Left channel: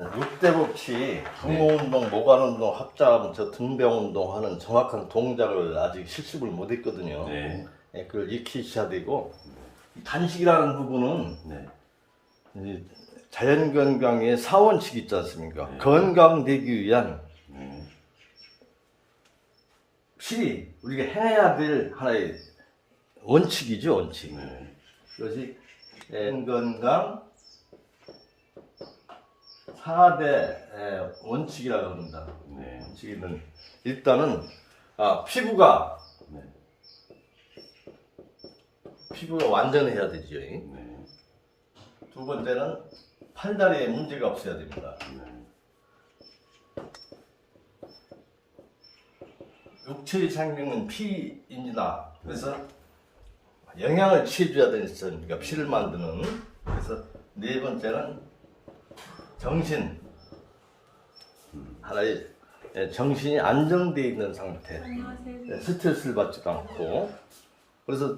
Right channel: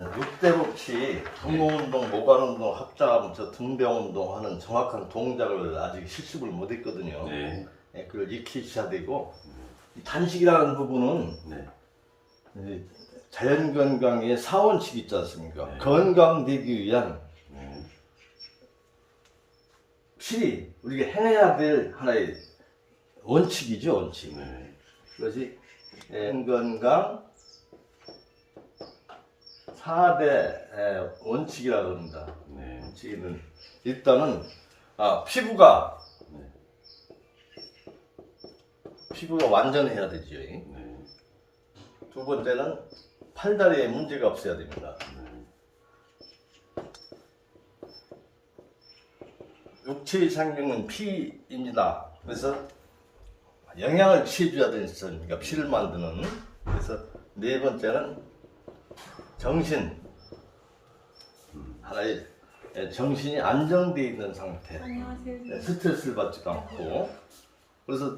육대복치 등호운동, 모관운동, 합자하면서 등배운동 하는 정확한 동작을 아직 실습을 못했거든요. 네. 그걸 익히셔야 되고, 단식이라는 부분은 네. 이 자연건강의 사원칙이 있지 않습니까? 네. 건강되기 위한 네. 필히 우리가 행해야 될 하나의 원칙이죠, 원칙. 네. 그것이 건강 4대 원칙이라고 합니다. 네. 원칙은 일단은 피부가 네. 완전해야 되죠. 네. 두 번째는 팔다리에 문제가 없어야 됩니다. 네. 육체의 생명은 피입니다. 그래서 영양을 취해줘야 되니까 피를 만드는. 그래서 네 번째는 정신, 하나의 정신이 안정되어 있는 상태, 스트레스를 받지도 않고. 그래서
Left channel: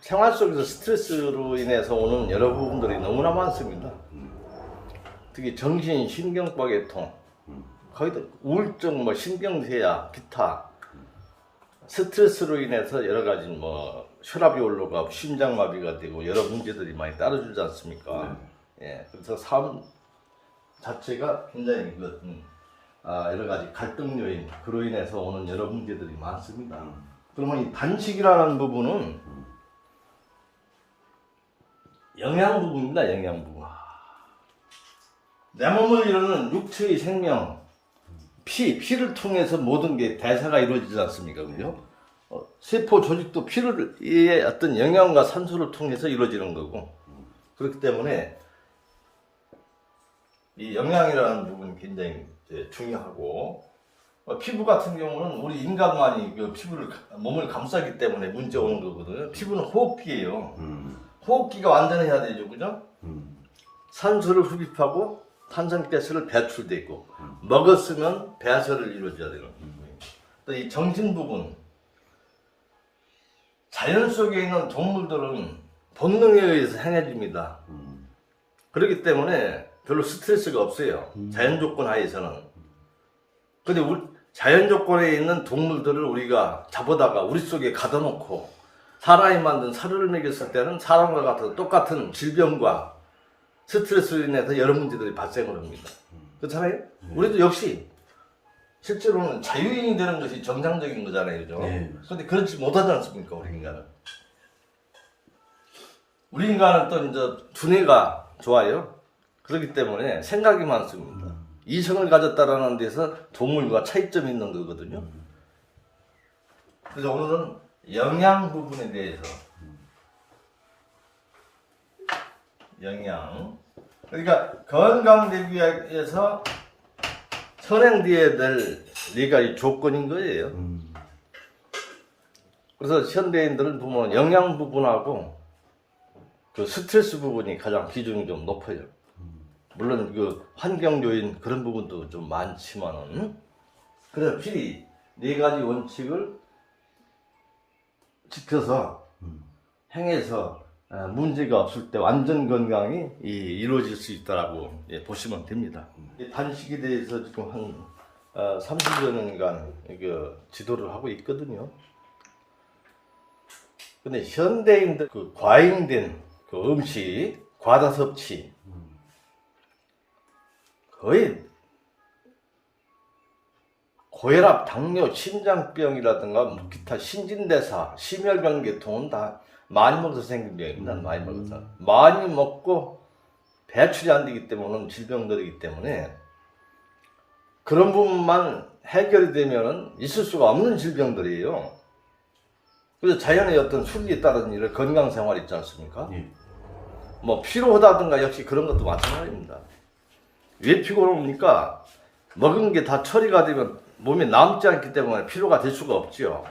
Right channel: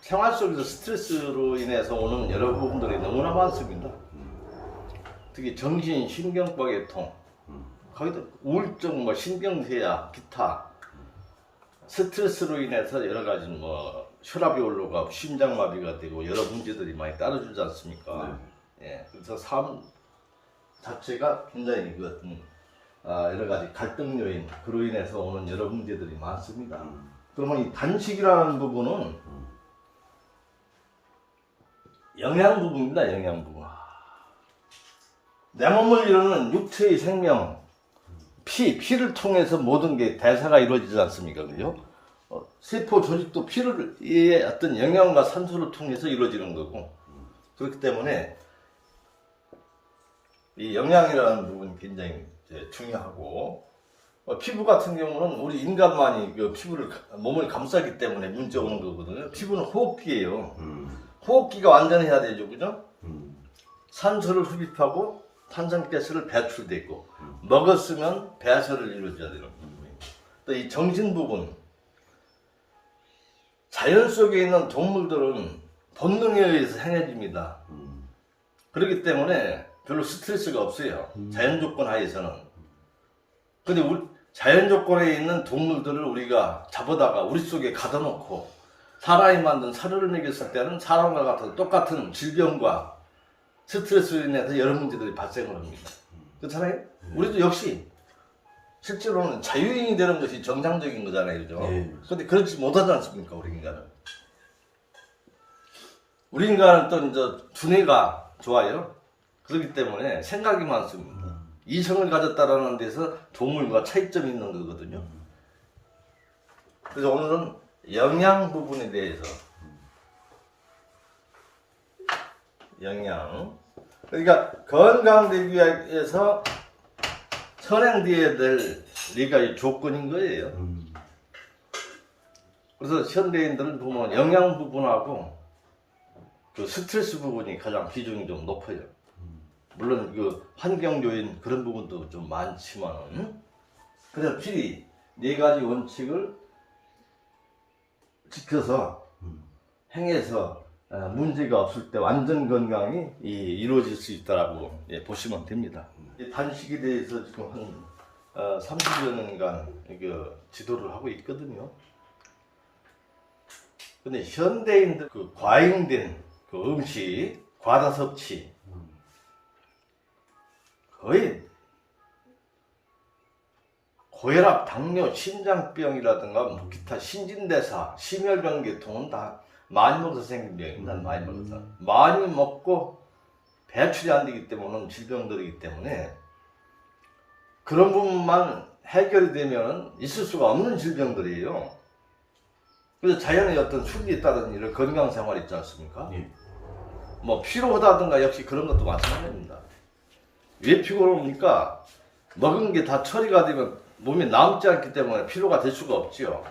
생활 속에서 스트레스로 인해서 오는 여러 부분들이 너무나 많습니다. 특히 정신, 신경과계통, 거의 우울증, 신경쇠약, 기타 스트레스로 인해서 여러 가지 혈압이 올라가고 심장마비가 되고 여러 문제들이 많이 따라주지 않습니까? 예, 그래서 삶 자체가 굉장히 여러 가지 갈등 요인, 그로 인해서 오는 여러 문제들이 많습니다. 그러면 이 단식이라는 부분은 영양 부분입니다. 영양 부분. 내 몸을 이루는 육체의 생명, 피를 통해서 모든 게 대사가 이루어지지 않습니까? 그죠? 세포 조직도 피의 어떤 영양과 산소를 통해서 이루어지는 거고, 그렇기 때문에 이 영양이라는 부분이 굉장히 중요하고, 피부 같은 경우는 우리 인간만이 몸을 감싸기 때문에 문제 오는 거거든요. 피부는 호흡기예요. 호흡기가 완전해야 되죠, 그죠? 산소를 흡입하고 탄산가스를 배출되고, 먹었으면 배설을 이루어져야 되는 거예요. 또 이 정신 부분, 자연 속에 있는 동물들은 본능에 의해서 행해집니다. 그렇기 때문에 별로 스트레스가 없어요. 자연 조건 하에서는. 근데 자연 조건에 있는 동물들을 우리가 잡아다가 우리 속에 가둬놓고 사람이 만든 사료를 먹였을 때는 사람과 같은 똑같은 질병과 스트레스로 인해서 여러 문제들이 발생을 합니다. 그렇잖아요? 우리도 역시 실제로는 자유인이 되는 것이 정상적인 거잖아요. 그죠? 근데 그렇지 못하지 않습니까? 우리 인간은. 우리 인간은 또 이제 두뇌가 좋아요. 그렇기 때문에 생각이 많습니다. 이성을 가졌다라는 데서 동물과 차이점이 있는 거거든요. 그래서 오늘은 영양 부분에 대해서, 영양, 그러니까 건강되기 위해서 선행되어야 될 네 가지 조건인 거예요. 그래서 현대인들을 보면 영양 부분하고 그 스트레스 부분이 가장 비중이 좀 높아요. 물론 환경 요인 그런 부분도 좀 많지만은, 그래서 필히 네 가지 원칙을 지켜서 행해서 문제가 없을 때 완전 건강이 이루어질 수 있다라고 보시면 됩니다. 이 단식에 대해서 지금 한 30여 년간 지도를 하고 있거든요. 근데 현대인들 과잉된 음식, 과다 섭취, 거의 고혈압, 당뇨, 심장병이라든가 기타 신진대사, 심혈관 계통은 다 많이 먹어서 생긴 병입니다. 많이 먹어서. 많이 먹고 배출이 안 되기 때문에 질병들이기 때문에 그런 부분만 해결이 되면 있을 수가 없는 질병들이에요. 그래서 자연의 어떤 순리에 따른 이런 건강 생활 있지 않습니까? 피로하다든가 역시 그런 것도 마찬가지입니다. 왜 피곤합니까? 먹은 게 다 처리가 되면 몸에 남지 않기 때문에 피로가 될 수가 없죠.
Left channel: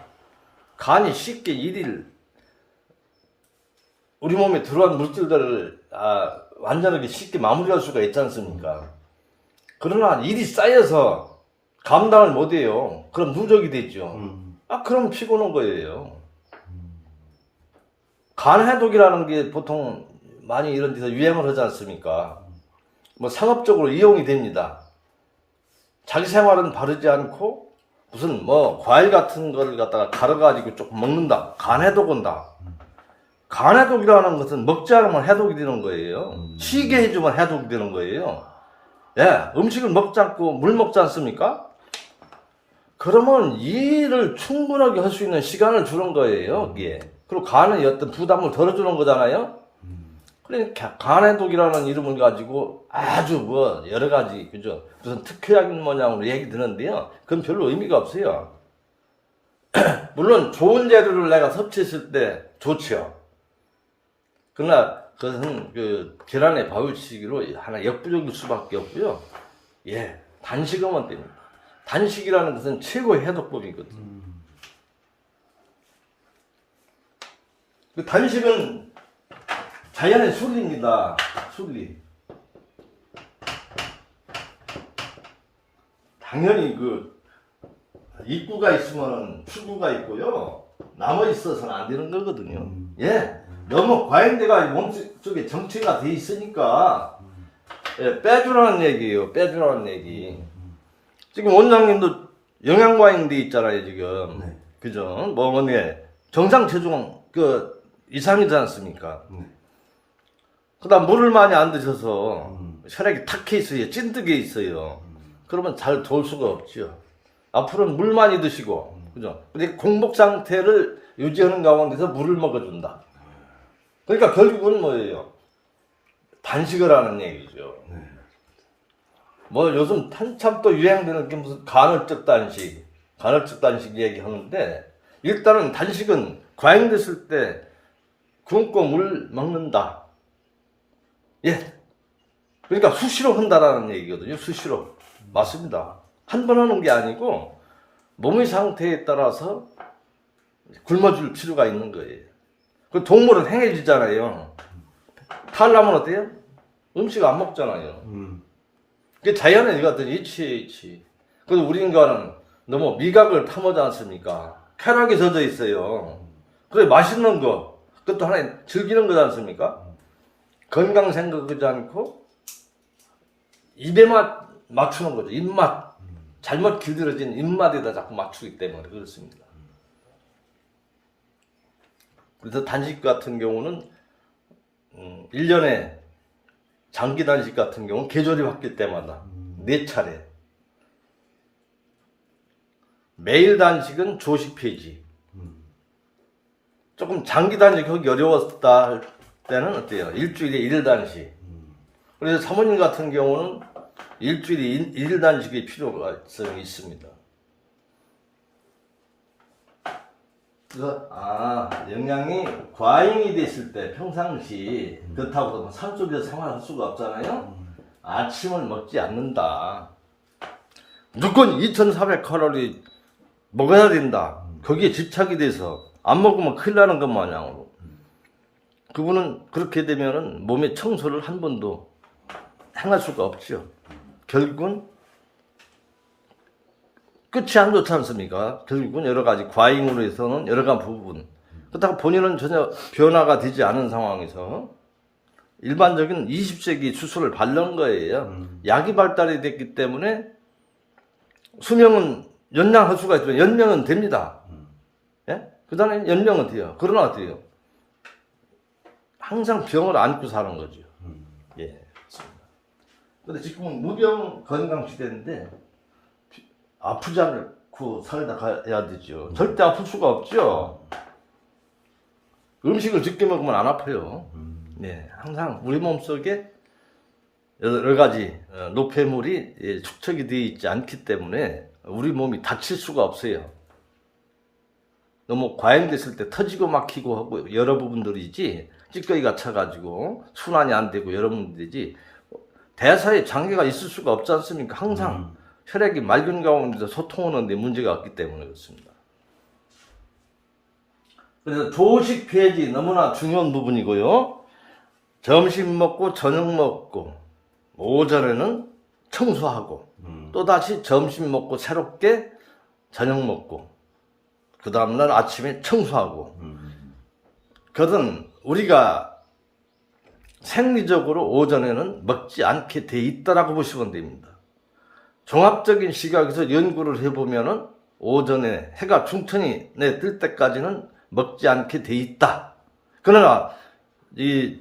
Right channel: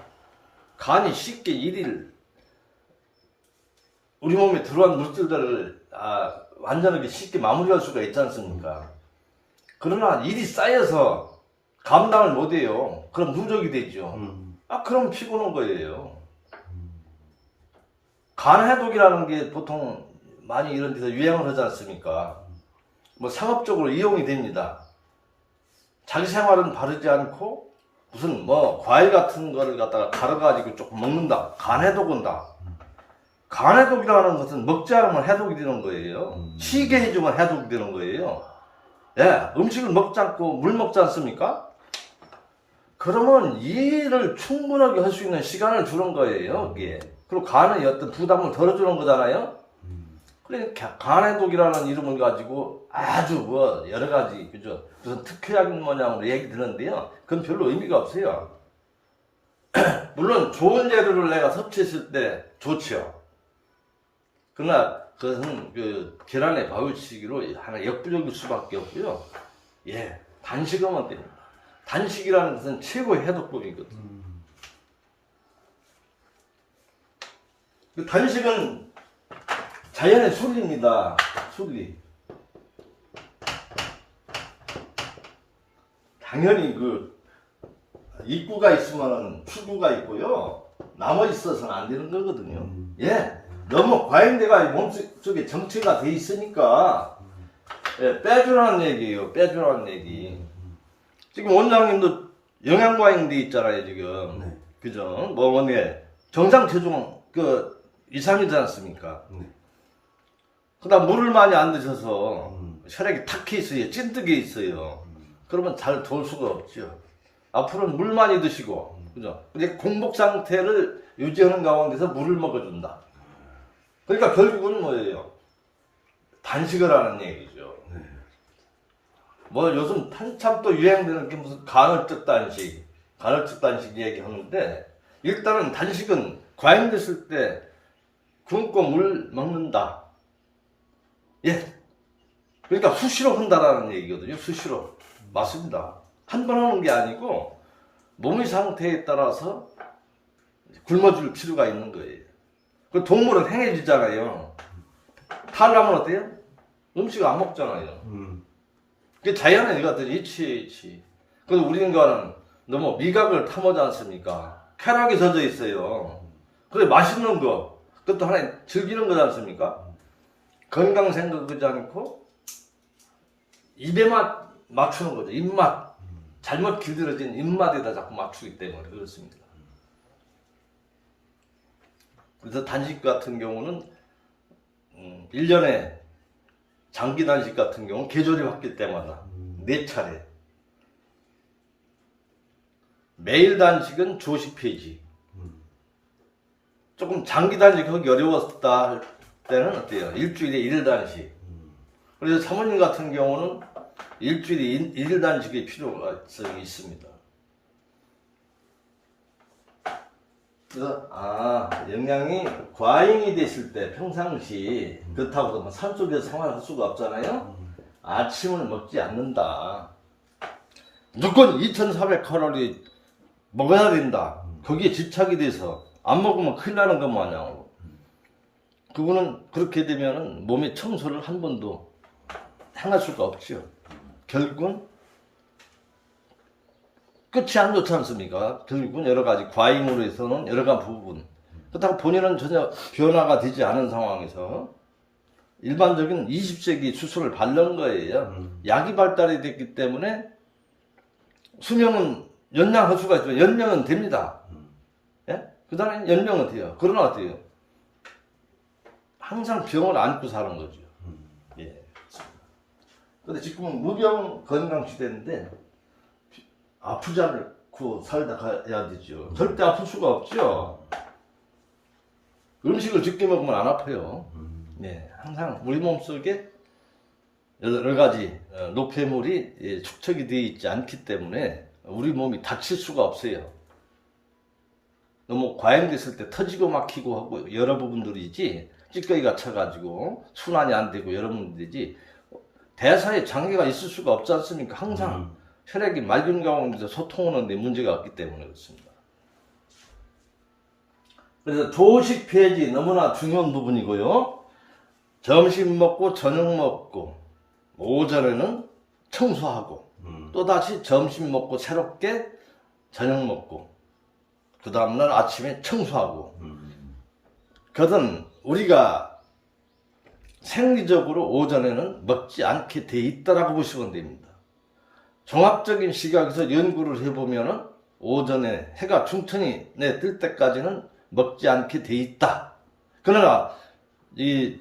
간이 쉽게 우리 몸에 들어온 물질들을 완전하게 쉽게 마무리할 수가 있지 않습니까? 그러나 일이 쌓여서 감당을 못해요. 그럼 누적이 되죠. 그럼 피곤한 거예요. 간 해독이라는 게 보통 많이 이런 데서 유행을 하지 않습니까? 뭐 상업적으로 이용이 됩니다. 자기 생활은 바르지 않고 무슨 뭐 과일 같은 거를 갖다가 갈아가지고 조금 먹는다. 간해독 온다. 간해독이라는 것은 먹지 않으면 해독이 되는 거예요. 쉬게 해주면 해독이 되는 거예요. 예, 음식을 먹지 않고 물 먹지 않습니까? 그러면 일을 충분하게 할 수 있는 시간을 주는 거예요, 이게. 그리고 간에 어떤 부담을 덜어주는 거잖아요? 그러니까 간해독이라는 이름을 가지고 아주 뭐 여러 가지, 그죠? 무슨 특효약인 모양으로 얘기 드는데요. 그건 별로 의미가 없어요. 물론 좋은 재료를 내가 섭취했을 때 좋죠. 그러나 그것은 그 계란의 바울치기로 하나 역부족일 수밖에 없고요. 예, 단식하면 됩니다. 단식이라는 것은 최고의 해독법이거든요. 그 단식은 자연의 순리입니다. 순리. 당연히 그 입구가 있으면 출구가 있고요. 남아 있어서는 안 되는 거거든요. 예, 너무 과잉돼가 몸속에 정체가 돼 있으니까 예, 빼주라는 얘기예요. 빼주라는 얘기. 지금 원장님도 영양과잉돼 있잖아요, 지금. 네. 그죠? 뭐니 정상 체중 그 이상이지 않습니까? 그다음 물을 많이 안 드셔서 혈액이 탁해 있어요. 찐득해 있어요. 그러면 잘 좋을 수가 없죠. 앞으로는 물 많이 드시고, 그죠? 근데 공복 상태를 유지하는 가운데서 물을 먹어준다. 그러니까 결국은 뭐예요? 단식을 하는 얘기죠. 뭐 요즘 한참 또 유행되는 게 무슨 간헐적 단식 얘기하는데, 일단은 단식은 과잉됐을 때 굶고 물 먹는다. 예. 그러니까 수시로 한다라는 얘기거든요. 수시로. 맞습니다. 한 번 하는 게 아니고 몸의 상태에 따라서 굶어줄 필요가 있는 거예요. 그 동물은 행해지잖아요. 탈라면 어때요? 음식 안 먹잖아요. 그 자연의 일같은 이치. 그런데 우리 인간은 너무 미각을 탐하지 않습니까? 쾌락에 젖어 있어요. 그래 맛있는 거 그것도 하나의 즐기는 거지 않습니까? 건강 생각하지 않고 입에만 맞추는 거죠. 입맛. 잘못 길들여진 입맛에다 자꾸 맞추기 때문에 그렇습니다. 그래서 단식 같은 경우는 1년에 장기 단식 같은 경우는 계절이 바뀔 때마다 4차례. 매일 단식은 조식 폐지. 조금 장기 단식하기 어려웠다 할 때는 어때요? 일주일에 1일 단식. 그래서 사모님 같은 경우는 일주일에 1일 단식의 필요가 있습니다. 그래서 영양이 과잉이 됐을 때 평상시 그렇다고 뭐 산속에서 생활할 수가 없잖아요. 아침을 먹지 않는다. 무조건 2,400칼로리 먹어야 된다. 거기에 집착이 돼서 안 먹으면 큰일 나는 것 마냥으로. 그분은 그렇게 되면은 몸의 청소를 한 번도 행할 수가 없죠. 결국은 끝이 안 좋지 않습니까? 결국은 여러 가지 과잉으로 해서는 여러 가지 부분. 그렇다고 본인은 전혀 변화가 되지 않은 상황에서 일반적인 20세기 수술을 받는 거예요. 약이 발달이 됐기 때문에 수명은 연장할 수가 있지만 연명은 됩니다. 예? 그 다음에 연명은 돼요. 그러나 어때요? 항상 병을 안고 사는 거죠. 예. 근데 지금은 무병 건강 시대인데 아프지 않고 살다 가야 되죠. 절대 아플 수가 없죠. 음식을 적게 먹으면 안 아파요. 네, 항상 우리 몸속에 여러 가지 노폐물이 축적이 되어 있지 않기 때문에 우리 몸이 다칠 수가 없어요. 너무 과잉됐을 때 터지고 막히고 하고 여러 부분들이지 찌꺼기가 차가지고 순환이 안 되고 여러 문제지 대사에 장애가 있을 수가 없지 않습니까? 항상 혈액이 맑은 가운데서 소통하는데 문제가 없기 때문에 그렇습니다. 그래서 조식 폐지 너무나 중요한 부분이고요. 점심 먹고 저녁 먹고 오전에는 청소하고 또다시 점심 먹고 새롭게 저녁 먹고 그 다음날 아침에 청소하고 그것은 우리가 생리적으로 오전에는 먹지 않게 돼 있다라고 보시면 됩니다. 종합적인 시각에서 연구를 해보면은 오전에 해가 중천이 뜰 때까지는 먹지 않게 돼 있다. 그러나 이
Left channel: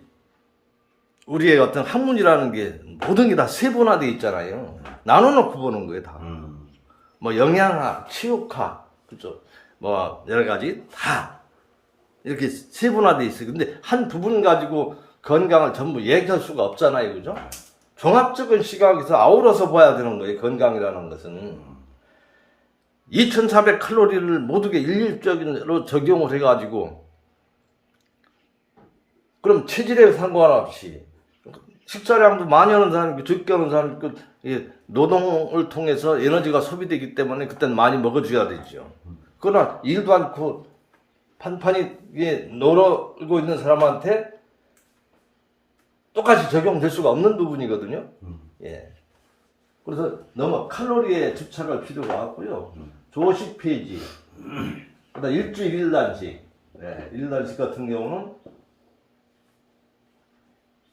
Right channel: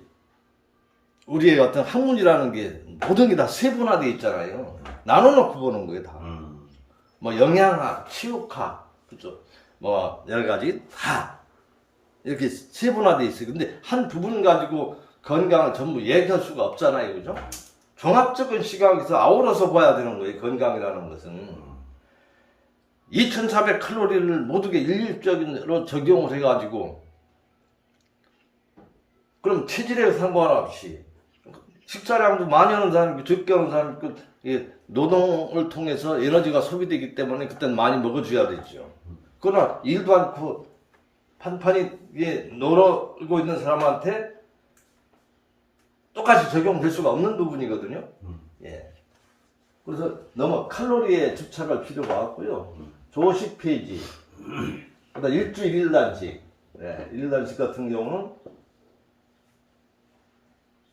우리의 어떤 학문이라는 게 모든 게 다 세분화되어 있잖아요. 나눠놓고 보는 거예요, 다. 뭐 영양학, 치육학, 그죠? 뭐 여러 가지 다 이렇게 세분화되어 있어요. 근데 한 부분 가지고 건강을 전부 얘기할 수가 없잖아요, 그죠? 종합적인 시각에서 아우러서 봐야 되는 거예요, 건강이라는 것은. 2400칼로리를 모두게 일률적으로 적용을 해가지고, 그럼 체질에 상관없이, 식사량도 많이 하는 사람이 있고, 적게 하는 사람이 있고, 노동을 통해서 에너지가 소비되기 때문에 그때는 많이 먹어줘야 되죠. 그러나 일도 않고 판판이 놀고 있는 사람한테 똑같이 적용될 수가 없는 부분이거든요. 예. 그래서 너무 칼로리에 집착할 필요가 없고요. 조식 폐지, 그다음 일주일 1단식, 예, 1단식 같은 경우는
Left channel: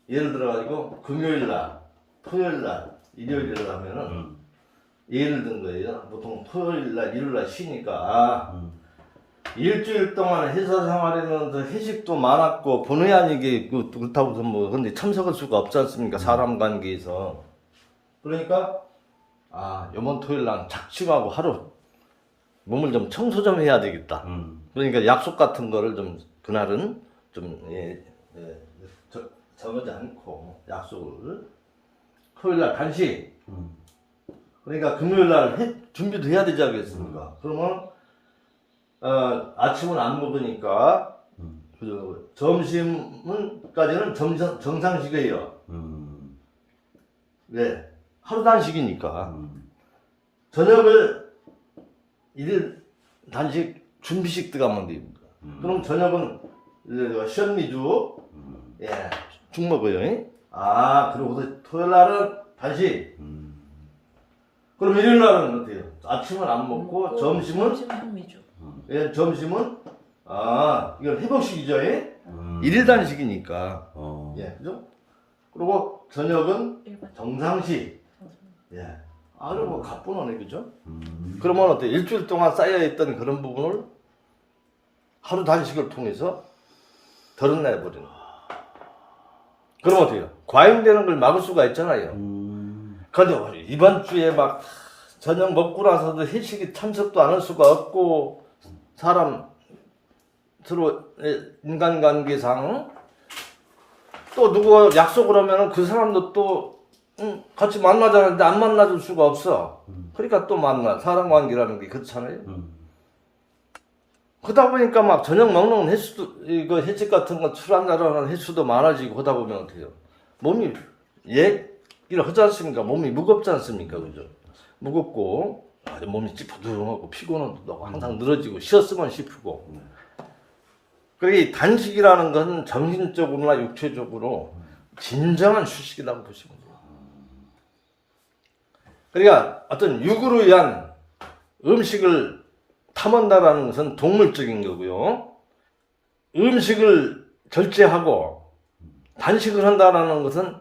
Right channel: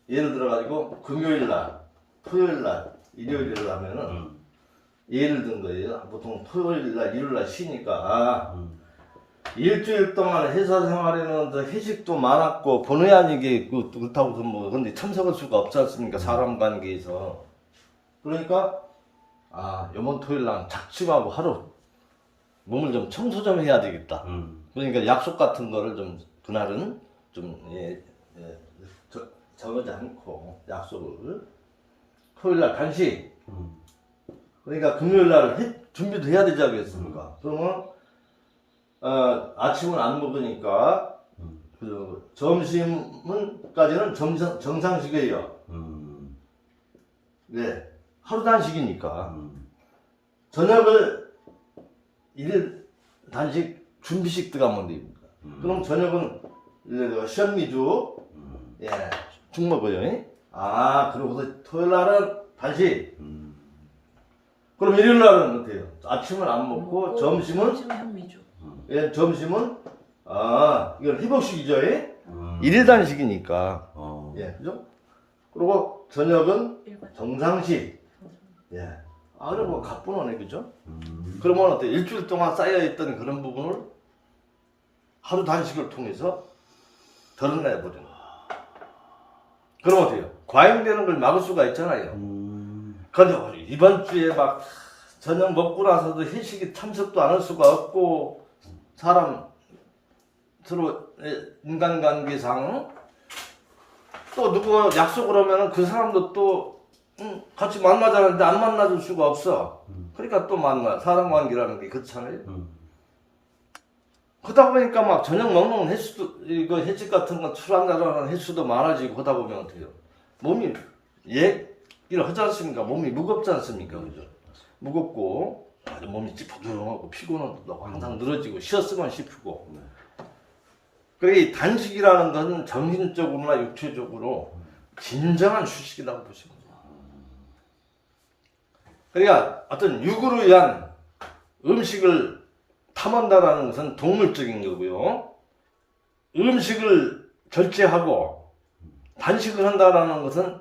예를 들어가지고 금요일 날, 토요일 날, 일요일 날 하면은 예를 든 거예요. 보통 토요일 날, 일요일 날 쉬니까 일주일 동안 회사 생활에는 회식도 많았고 본의 아니게 그렇다고 해서 뭐 근데 참석할 수가 없지 않습니까? 사람 관계에서. 그러니까 이번 토요일 날 작심하고 하루 몸을 좀 청소 좀 해야 되겠다. 그러니까 약속 같은 거를 좀 그날은 좀 정하지 않고 약속을 토요일 날 단식. 그러니까 금요일 날 준비도 해야 되지 않겠습니까? 그러면 아침은 안 먹으니까 점심은까지는 정상식이에요. 네, 하루 단식이니까 저녁을 일 단식 준비식 들어가면 됩니다. 그럼 저녁은 현미죽, 예, 죽 먹어요. 그러고서 토요일 날은 단식. 그럼 일요일 날은 어때요? 아침은 안 먹고 점심은 현미죽. 예, 점심은 이건 회복식이죠. 예? 일일 단식이니까. 예, 그죠? 그리고 저녁은 정상식. 예. 그럼 뭐 가뿐하네, 그죠? 그러면 어때? 일주일 동안 쌓여있던 그런 부분을 하루 단식을 통해서 덜어내버리는 거예요. 그럼 어때요? 과잉되는 걸 막을 수가 있잖아요. 그런데 이번 주에 막 저녁 먹고 나서도 회식에 참석도 안 할 수가 없고, 사람 서로 인간관계상 또 누구 약속을 하면은 그 사람도 또 같이 만나자는데 안 만나줄 수가 없어. 그러니까 또 사람 관계라는 게 그렇잖아요. 그러다 보니까 막 저녁 먹는 횟수도, 이거 횟집 같은 거 술 한잔하는 횟수도 많아지고 하다 보면 어떻게 해요? 몸이 얘기를 하지 않습니까? 몸이 무겁지 않습니까? 그죠? 무겁고, 몸이 찌뿌둥하고 피곤하고 항상 늘어지고, 쉬었으면 쉬프고. 그러니 단식이라는 것은 정신적으로나 육체적으로 진정한 휴식이라고 보시면 돼요. 그러니까 어떤 육으로 위한 음식을 탐한다라는 것은 동물적인 거고요. 음식을 절제하고 단식을 한다라는 것은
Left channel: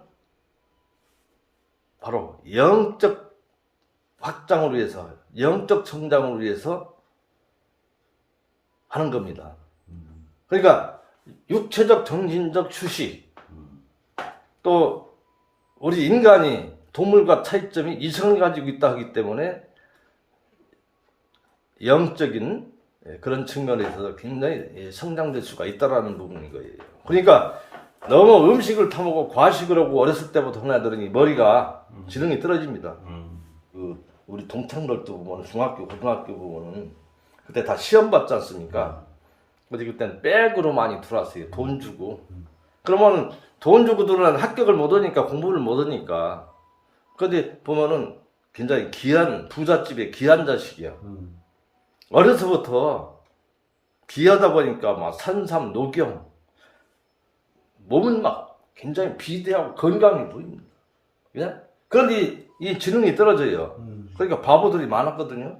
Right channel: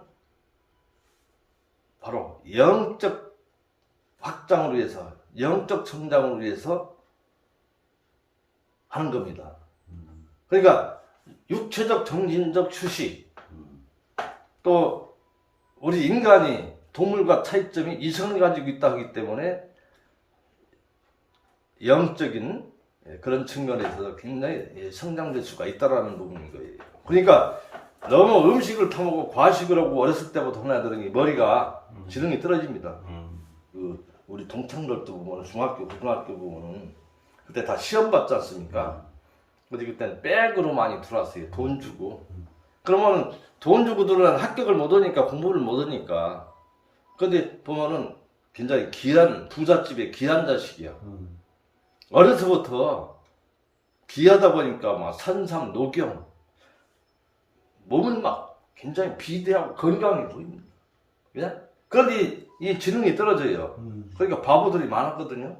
바로 영적 확장을 위해서, 영적 성장을 위해서 하는 겁니다. 그러니까 육체적, 정신적 휴식, 또 우리 인간이 동물과 차이점이 이성을 가지고 있다 하기 때문에 영적인 그런 측면에서 굉장히 성장될 수가 있다라는 부분인 거예요. 그러니까 너무 음식을 타먹고 과식을 하고 어렸을 때부터 흔하더니 머리가 지능이 떨어집니다. 우리 동창들도 보면 중학교, 고등학교 보면은 그때 다 시험 받지 않습니까? 근데 그때는 백으로 많이 들어왔어요. 돈 주고. 그러면은 돈 주고 들어오는 합격을 못 하니까 공부를 못 하니까. 근데 보면은 굉장히 귀한 부잣집의 귀한 자식이야. 어려서부터 귀하다 보니까 막 산삼, 녹용, 몸은 막 굉장히 비대하고 건강해 보입니다. 그냥? 그런데 이 지능이 떨어져요. 그러니까 바보들이 많았거든요.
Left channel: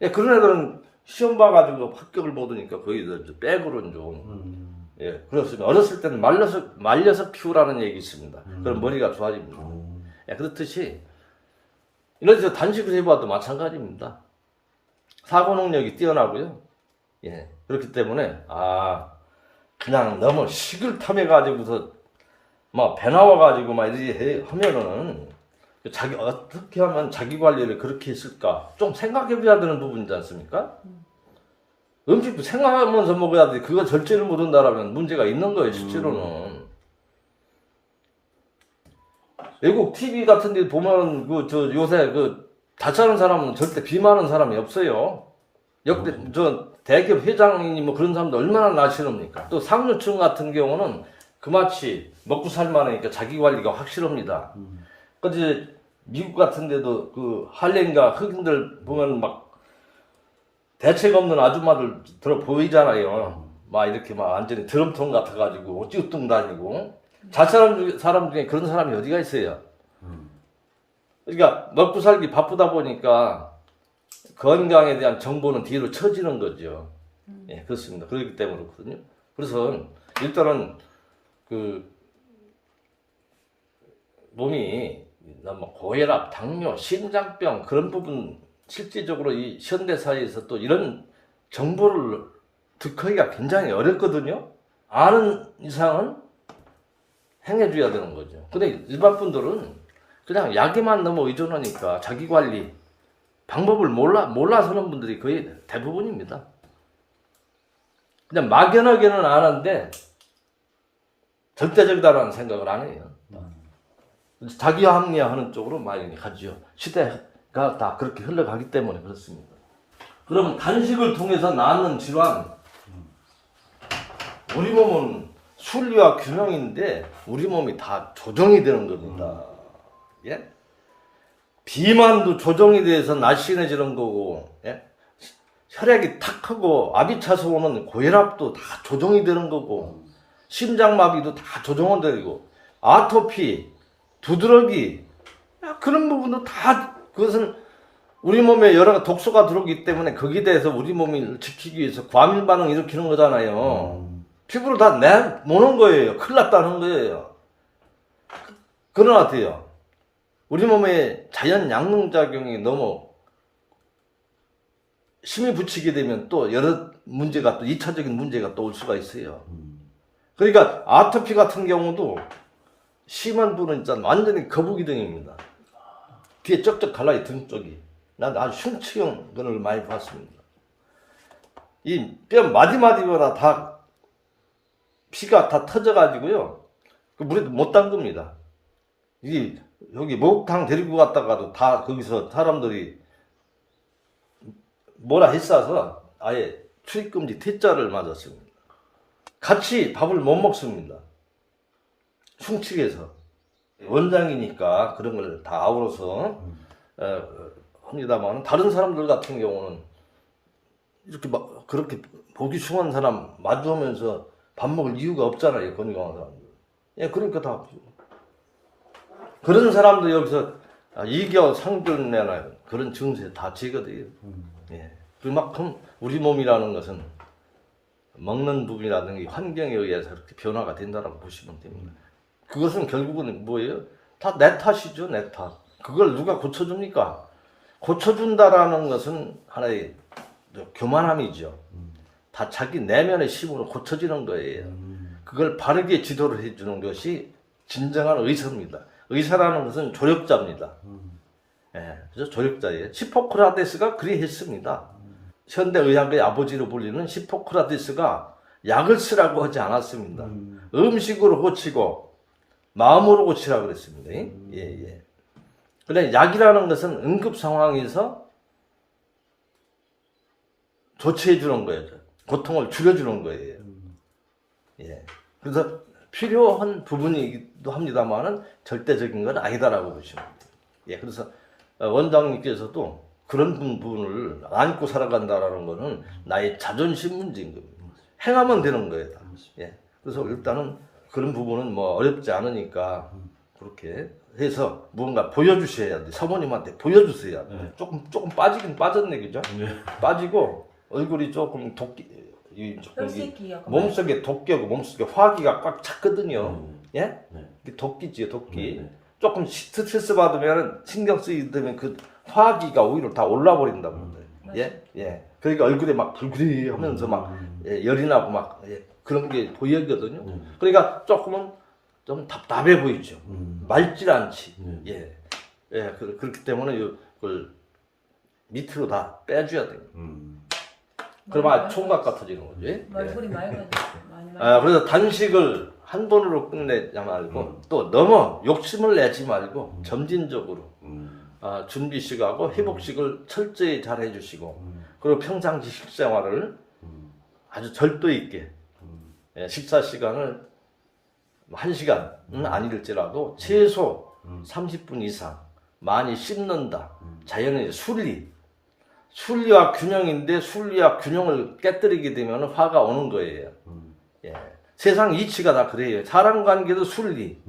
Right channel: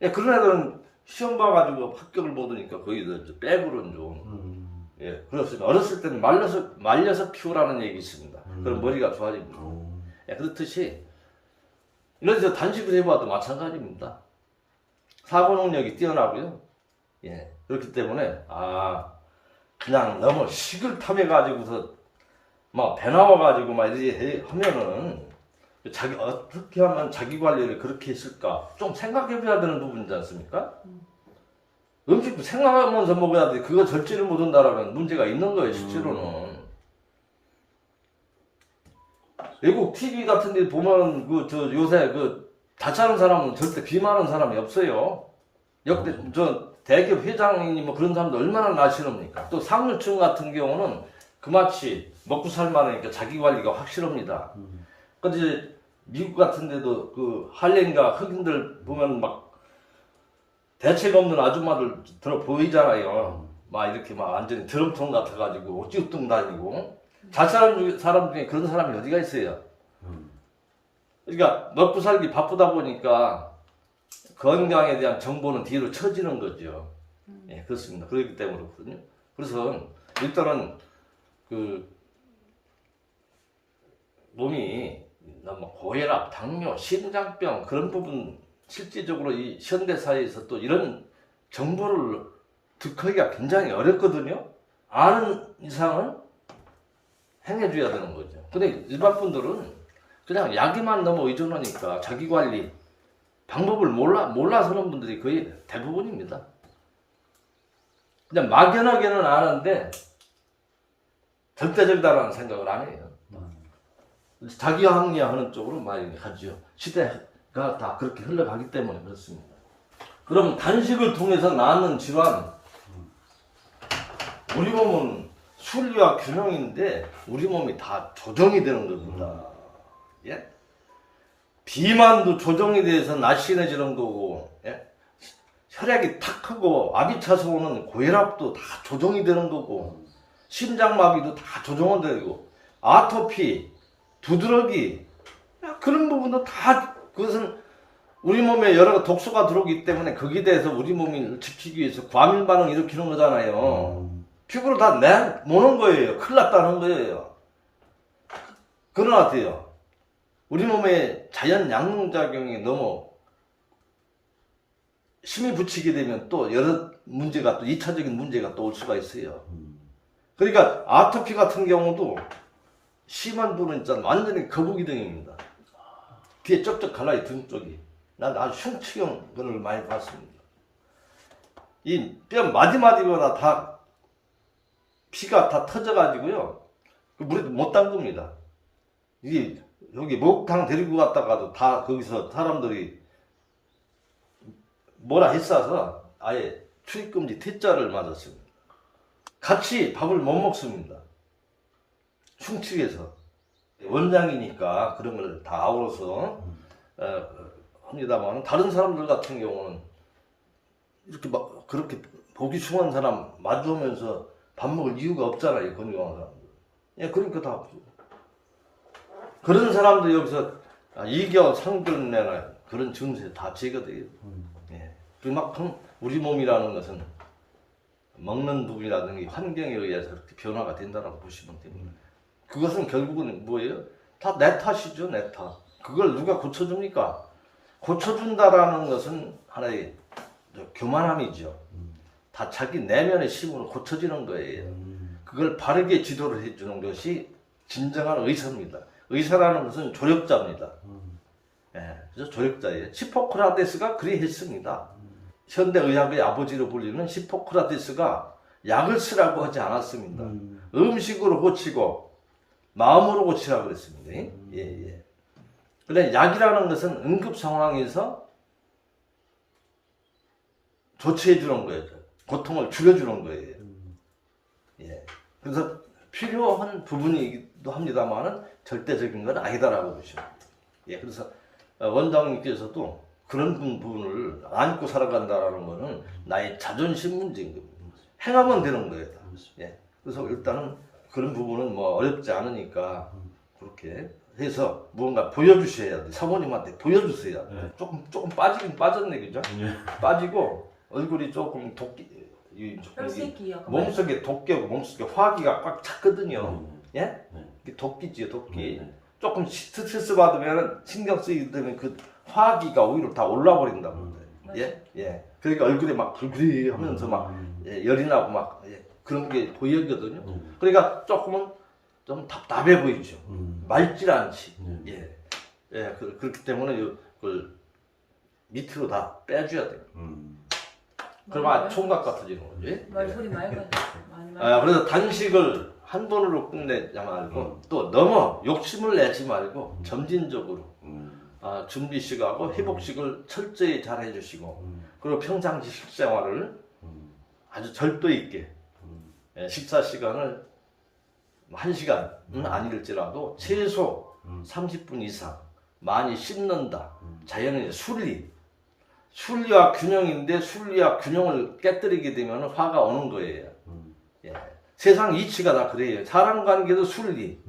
예, 그런 애들은 시험 봐가지고 합격을 못 하니까 거의 백으로 좀 예, 그렇습니다. 어렸을 때는 말려서 키우라는 얘기 있습니다. 그럼 머리가 좋아집니다. 예, 그렇듯이 이래서 단식을 해봐도 마찬가지입니다. 사고 능력이 뛰어나고요. 예, 그렇기 때문에 그냥 너무 식을 탐해가지고서 막 배 나와가지고 막 이렇게 하면은 어떻게 하면 자기 관리를 그렇게 했을까 좀 생각해봐야 되는 부분이지 않습니까? 음식도 생각하면서 먹어야 돼. 그거 절제를 못한다라면 문제가 있는 거예요, 실제로는. 외국 TV 같은 데 보면, 요새 다짜는 사람은 절대 비만한 사람이 없어요. 대기업 회장이니 뭐 그런 사람들 얼마나 나시럽니까? 또 상류층 같은 경우는 그마치 먹고 살만하니까 자기 관리가 확실합니다. 근데 미국 같은 데도 할렘과 흑인들 보면 막 대책 없는 아줌마들 들어 보이잖아요. 막 이렇게 막 완전히 드럼통 같아가지고 찌우뚱 다니고. 잘 사람 중에 그런 사람이 어디가 있어요? 그러니까 먹고 살기 바쁘다 보니까 건강에 대한 정보는 뒤로 처지는 거죠. 예, 그렇습니다. 그렇기 때문에 그렇거든요. 그래서 일단은 몸이 너무 고혈압, 당뇨, 심장병 그런 부분 실질적으로 이 현대 사회에서 또 이런 정보를 듣기가 굉장히 어렵거든요. 아는 이상은 행해줘야 되는 거죠. 근데 일반 분들은 그냥 약에만 너무 의존하니까 자기 관리 방법을 몰라서 하는 분들이 거의 대부분입니다. 그냥 막연하게는 아는데 절대적이다라는 생각을 안 해요. 자기 합리화하는 쪽으로 많이 가죠. 시대가 다 그렇게 흘러가기 때문에 그렇습니다. 그럼 단식을 통해서 낳는 질환, 우리 몸은 순리와 균형인데 우리 몸이 다 조정이 되는 겁니다. 예? 비만도 조정이 돼서 날씬해지는 거고, 예? 혈액이 탁 하고 압이 차서 오는 고혈압도 다 조정이 되는 거고, 심장마비도 다 조정은 되고, 아토피, 두드러기 그런 부분도 다 그것은 우리 몸에 여러 독소가 들어오기 때문에 거기에 대해서 우리 몸을 지키기 위해서 과민 반응 일으키는 거잖아요. 피부로 다 내모는 거예요. 큰일 났다는 거예요. 그러나 어때요? 우리 몸에 자연 양능작용이 너무 힘이 붙이게 되면 또 여러 문제가 또 2차적인 문제가 또 올 수가 있어요. 그러니까 아토피 같은 경우도 심한 분은 일단 완전히 거북이등입니다. 뒤에 쩍쩍 달라요, 등 쪽이. 난 아주 흉측형을 많이 봤습니다. 이 뼈 마디마디마다 다 피가 다 터져가지고요. 그 물에 못 담급니다. 여기 목욕탕 데리고 갔다가도 다 거기서 사람들이 뭐라 했어서 아예 출입금지 T자를 맞았습니다. 같이 밥을 못 먹습니다. 흉측해서. 원장이니까 그런 걸 다 아우러서 합니다만 다른 사람들 같은 경우는 이렇게 막 그렇게 보기 흉한 사람 마주하면서 밥 먹을 이유가 없잖아요. 건강한 사람들. 예, 그러니까 다 그런 사람들 여기서 이겨 상견례나 그런 증세 다 제거돼요. 예, 그만큼 우리 몸이라는 것은 먹는 부분이라든지 환경에 의해서 그렇게 변화가 된다고 보시면 됩니다. 그것은 결국은 뭐예요? 다 내 탓이죠, 내 탓. 그걸 누가 고쳐줍니까? 고쳐준다라는 것은 하나의 교만함이죠. 다 자기 내면의 힘으로 고쳐지는 거예요. 그걸 바르게 지도를 해주는 것이 진정한 의사입니다. 의사라는 것은 조력자입니다. 예, 그래서 조력자예요. 히포크라테스가 그리 했습니다. 현대의학의 아버지로 불리는 히포크라테스가 약을 쓰라고 하지 않았습니다. 음식으로 고치고 마음으로 고치라고 그랬습니다. 예. 그런데 약이라는 것은 응급 상황에서 조치해 주는 거예요. 고통을 줄여주는 거예요. 예. 그래서 필요한 부분이기도 합니다만은 절대적인 건 아니다라고 보시면 돼요. 예. 그래서 원장님께서도 그런 부분을 안고 살아간다라는 거는 나의 자존심 문제인 겁니다. 행하면 되는 거예요. 예. 그래서 일단은 그런 부분은 뭐 어렵지 않으니까 그렇게 해서 무언가 보여주셔야 돼. 사모님한테 보여주세요. 조금 빠지긴 빠졌네, 그죠? 빠지고 얼굴이 조금 혈색이 약간 몸속에 독기하고 몸속에 화기가 꽉 찼거든요. 예? 네. 이게 독기지요, 독기. 네. 조금 스트레스 받으면 신경 쓰이게 되면 그 화기가 오히려 다 올라버린다고. 예? 예. 그러니까 얼굴에 막 불그리 하면서 막 예, 열이 나고 막 예, 그런 게 보이거든요. 그러니까 조금은 좀 답답해 보이죠. 맑지 않지. 예. 예. 그렇기 때문에 그걸 밑으로 다 빼줘야 돼요. 그러면 총각 같아지는 거지. 얼굴이 맑아졌어. 많이 아, 그래서 단식을 한 번으로 끝내지 말고 또 너무 욕심을 내지 말고 점진적으로 준비식하고 회복식을 철저히 잘 해주시고 그리고 평상시 식생활을 아주 절도 있게 예, 식사 시간을 1시간은 아닐지라도 최소 30분 이상 많이 씹는다. 자연의 순리와 균형인데 순리와 균형을 깨뜨리게 되면 화가 오는 거예요. 예. 세상 이치가 다 그래요. 사람 관계도 순리,